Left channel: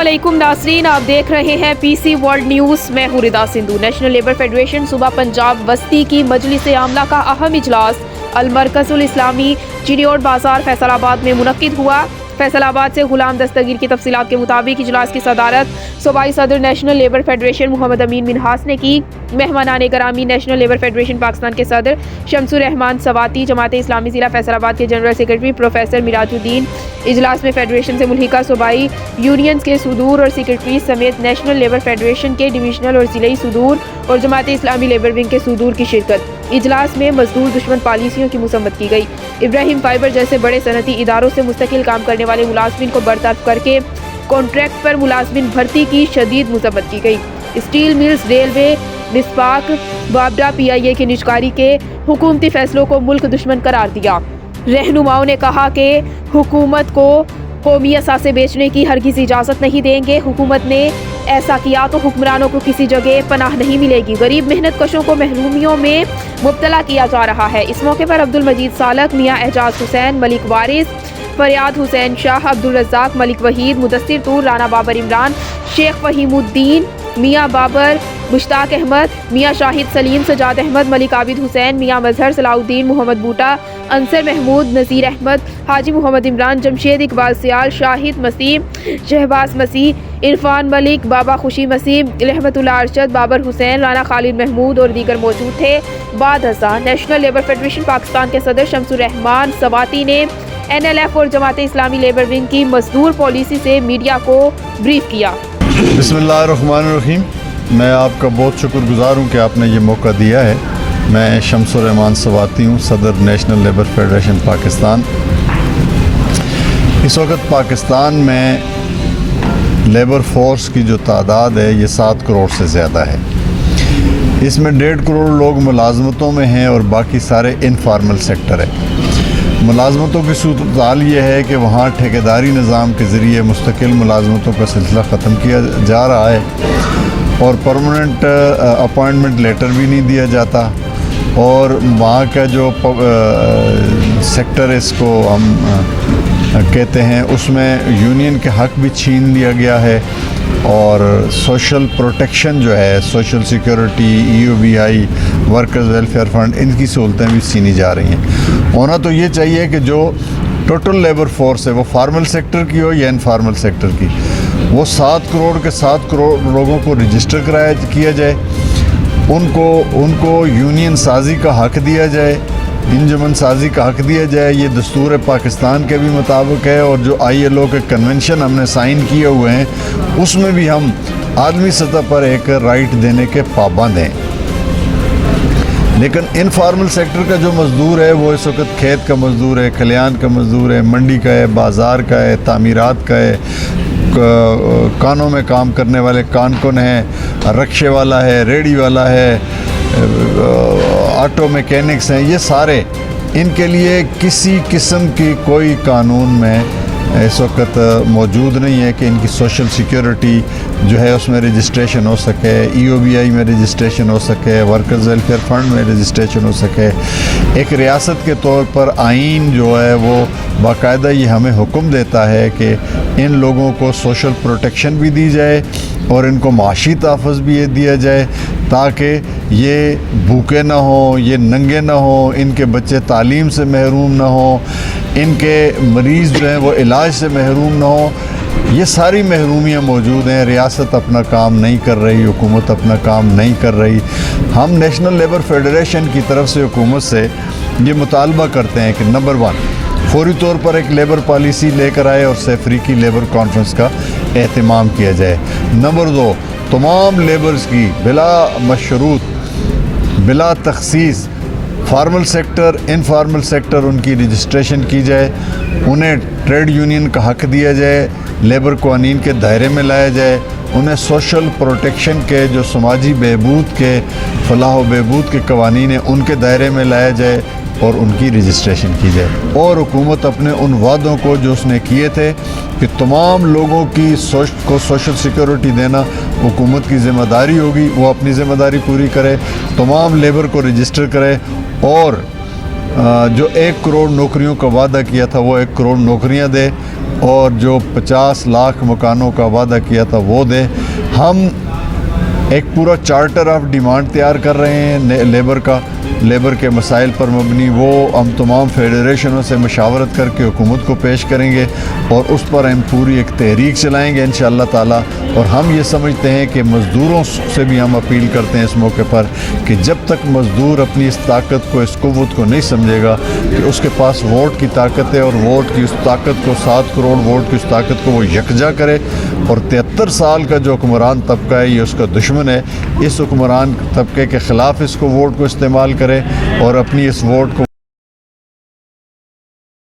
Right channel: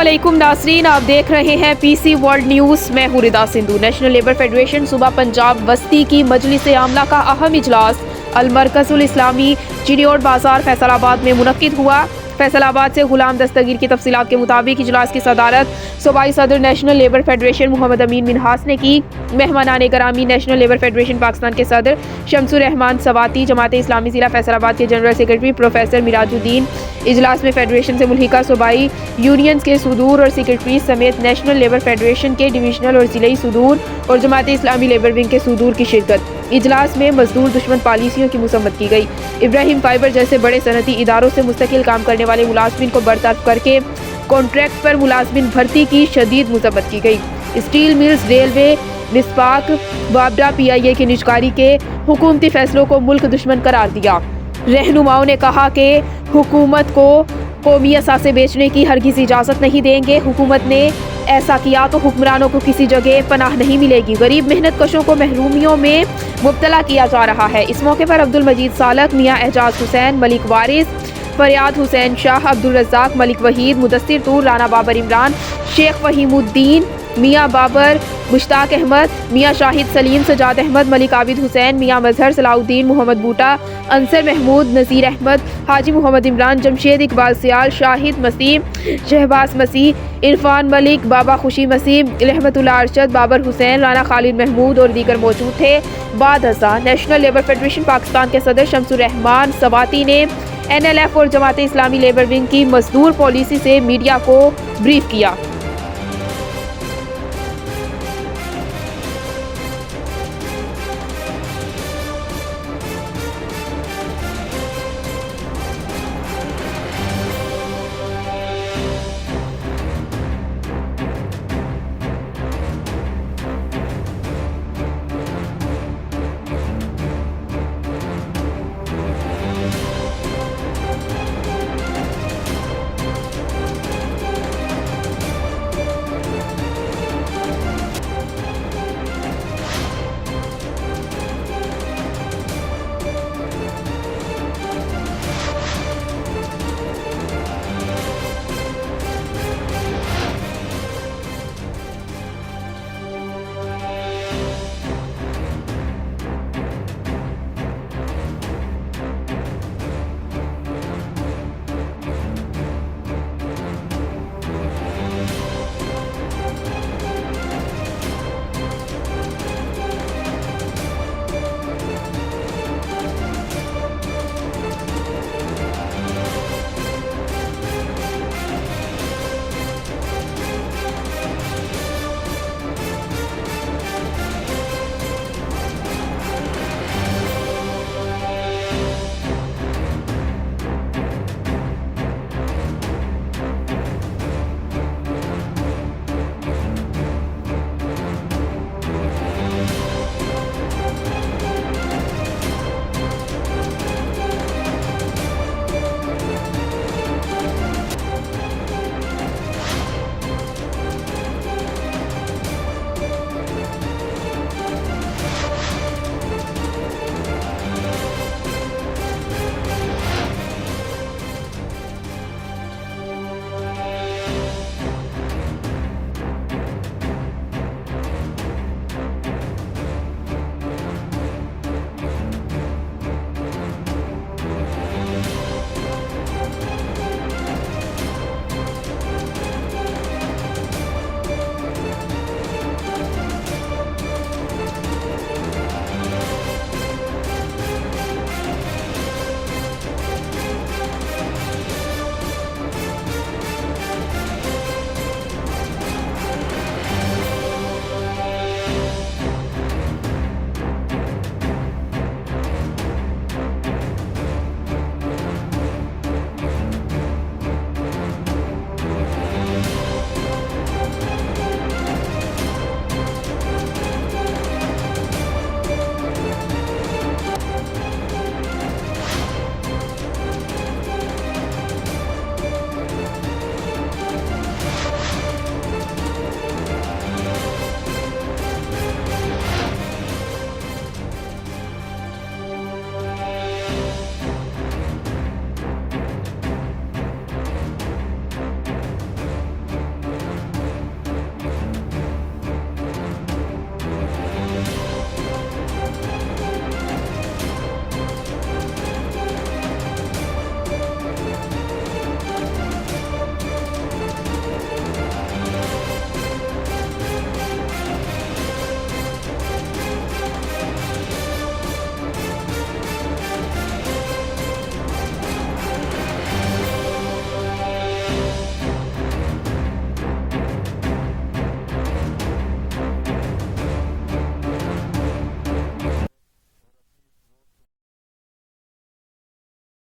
अस्सलामुअलैकुम नाज़रीन, आप देख रहे हैं पीसी वर्ल्ड न्यूज़। मैं हूँ रिदा सिंधु। नेशनल लेबर फेडरेशन सूबा पंजाब वस्ती की मजलिस आमला का अहम इजलास अल-मरकज़ुल इस्लामी चिनियोट बाजार फैसलाबाद में मुनक्किद हुआ। फैसलाबाद से गुलाम दस्तगीर की तफसीलात के मुताबिक इजलास की सदारत सूबाई सदर नेशनल लेबर फेडरेशन मोहम्मद अमीन मिन्हास ने की। मेहमानान गरामी नेशनल लेबर फेडरेशन पाकिस्तान के सदर शमसुर रहमान सवाती, जमात इस्लामी ज़िला फैसलाबाद के जनरल सेक्रेटरी प्रोफेसर मिराजुद्दीन, इजलास में फेडरेशन से मुल्हिका सूबाई यूनियंस के सुदूर और सेक्रेटरी समेत नेशनल लेबर फेडरेशन के डिविजनल और ज़िले सुदूर और जमात इस्लामी लेबर विंग के सुदूर की शिरकत। इजलास में मजदूर दुश्मन पॉलिसियों की मुसम्मत की गई। इब्राहिम फाइबर जैसे बड़े सनती इदारों से मुस्तकिल काम करने वाले मुलाजमिन को बरतरफ करके कॉन्ट्रैक्ट पर मुलाजमिन भर्ती की शदीद मुसम्मत की गई। स्टील मिल्स, रेलवे, मिसपाक, वाबडा PIA की निजकारी के हुकूमती फैसलों को मुल्क दुश्मन करार दिया। रहनुमाओं ने कहा कि हुकूमत को कौमी असासे बेचने की हरगिज़ इजाज़त नहीं देंगे। हुकूमत ने ऐसा किया तो हुक्मरानों को किसी जगह पनाह नहीं मिलेगी। गरीब मेहनत कशों को महरूमियों में मुब्तला किया जा रहा है। इस मौके पर अब्दुल मजीद सालक, मियाँ एजाज हुसैन, मलिक वारिस, फरियाद हुसैन शाह, अब्दुल रज़ाक, मलिक वहीद, मुदस्सिर तूर, राना बाबर इमरान, शेख फहीमुद्दीन, मियाँ बाबर, मुश्ताक अहमद, मियाँ शाहिद सलीम, सजाद अहमद, मलिक आबिद हुसैन, मियाँ मजहर, सलाउद्दीन, मोहम्मद बूटा, अंसर महमूद, नज़ीर अहमद, हाजी मोहम्मद इमरान, जमशेद इकबाल सियाल, शाहिद मसीह, शहबाज मसीह, इरफान मलिक, बाबा खुशी मसीह, रहमतुल्लाह अरशद, बाबर हुसैन, राना खालिद महमूद और दीगर मौजूद थे। बाद अज़ा नेशनल लेबर फेडरेशन पाकिस्तान के सदर शमसुर रहमान सवाती ने NLF और जमात इस्लामी लेबर विंग की मजदूर पॉलिसी से मीडिया को ब्रीफ किया। बिस्मिल्लाहिर्रहमानिर्रहीम। मैं आपका बहुत शुक्रगुजार हूँ कि आपने ये मौका दिया है। मैं शमसुर रहमान सवाती हूँ, सदर नेशनल लेबर फेडरेशन पाकिस्तान। इस वक्त पाकिस्तान में लेबर फोर्स की जो तादाद है ये 7 करोड़ से ज़्यादा है। इसमें 1.5 करोड़ लोग मुलाजमतों में हैं और बाकी सारे इनफार्मल सेक्टर है। मुलाजमतों की सूरत ये है कि वहाँ ठेकेदारी निज़ाम के ज़रिए मुस्तकिल मुलाजमतों का सिलसिला ख़त्म किया जा रहा है और परमानेंट अपॉइंटमेंट लेटर भी नहीं दिया जाता। और वहाँ का जो सेक्टर इसको हम कहते हैं उसमें यूनियन के हक़ भी छीन लिया गया है और सोशल प्रोटेक्शन जो है, social security, EOBI, workers welfare fund, इनकी सहूलतें भी छीनी जा रही हैं। होना तो ये चाहिए कि जो टोटल लेबर फोर्स है वो फार्मल सेक्टर की हो या इनफार्मल सेक्टर की, वो 7 करोड़ के 7 करोड़ लोगों को रजिस्टर किया जाए, उनको यूनियन साजी का हक़ दिया जाए, इंजमन साजी का हक़ दिया जाए। ये दस्तूर पाकिस्तान के भी मुताबिक है और जो ILO के कन्वेंशन हमने साइन किए हुए हैं उसमें भी हम आदमी सतह पर एक राइट देने के पाबंद हैं। लेकिन इनफार्मल सेक्टर का जो मज़दूर है वो इस वक्त खेत का मज़दूर है, खलियान का मज़दूर है, मंडी का है, बाज़ार का है, तामीरात का है, कानों में काम करने वाले कानकुन हैं, रक्शे वाला है, रेडी वाला है, ऑटो मैकेनिक्स हैं, ये सारे, इनके लिए किसी किस्म की कोई कानून में इस वक्त मौजूद नहीं है कि इनकी सोशल सिक्योरिटी जो है उसमें रजिस्ट्रेशन हो सके, EOBI में रजिस्ट्रेशन हो सके, वर्कर्स वेलफेयर फंड में रजिस्ट्रेशन हो सके। एक रियासत के तौर पर आइन जो है वो बाकायदा ये हमें हुक्म देता है कि इन लोगों को सोशल प्रोटेक्शन भी दी जाए और इनको माशी तहफ़्फ़ुज़ भी ये दिया जाए ताकि ये भूखे ना हो, ये नंगे ना हो, इनके बच्चे तालीम से महरूम ना हो, इनके मरीज़ जो हैं वो इलाज से महरूम ना हो। ये सारी महरूमियाँ मौजूद हैं। रियासत अपना काम नहीं कर रही, हुकूमत अपना काम नहीं कर रही। हम नेशनल लेबर फेडरेशन की तरफ से हुकूमत से ये मुतालबा करते हैं कि नंबर 1 फौरी तौर पर एक लेबर पॉलिसी लेकर आए और अफ्रीकी लेबर कॉन्फ्रेंस का एहतमाम किया जाए। नंबर 2 तमाम लेबर्स की बिला मशरूत, बिला तखसीस, फार्मल सेक्टर, इनफार्मल सेक्टर, उनकी रजिस्ट्रेशन की जाए, उन्हें ट्रेड यूनियन का हक़ दिया जाए, लेबर कानून के दायरे में लाया जाए, उन्हें सोशल प्रोटेक्शन के जो समाजी बहबूद के, फलाह व बहबूद के कवानीन हैं उनके दायरे में लाया जाए और उनकी रजिस्ट्रेशन की जाए। और हुकूमत अपने उन वादों को जो उसने किए थे कि तमाम लोगों की सोशल सिक्योरिटी देना हुकूमत की ज़िम्मेदारी होगी, वो अपनी ज़िम्मेदारी पूरी करे, तमाम लेबर को रजिस्टर करे और जो 1 करोड़ नौकरियों का वादा किया था वो 1 करोड़ नौकरियां दे। اور جو 50 لاکھ مکانوں کا وعدہ کیا تھا وہ دیں. ہم ایک پورا چارٹر آف ڈیمانڈ تیار کر رہے ہیں لیبر کے مسائل پر مبنی. وہ ہم تمام فیڈریشنوں سے مشاورت کر کے حکومت کو پیش کریں گے اور اس پر ہم پوری ایک تحریک چلائیں گے انشاءاللہ تعالی. اور ہم یہ سمجھتے ہیں کہ مزدوروں سے بھی ہم اپیل کرتے ہیں اس موقع پر کہ جب تک مزدور اپنی اس طاقت کو، اس قوت کو نہیں سمجھے گا کہ اس کے پاس ووٹ کی طاقت ہے اور ووٹ کی اس طاقت کو 7 کروڑ ووٹ کی اس طاقت کو وہ یکجا کرے. اور 73 سال کا جو حکمران طبقہ ہے یہ اس کا دشمن ہے. اس حکمران طبقے کے خلاف اس کو ووٹ کو استعمال کرے اور اپنی اس ووٹ کو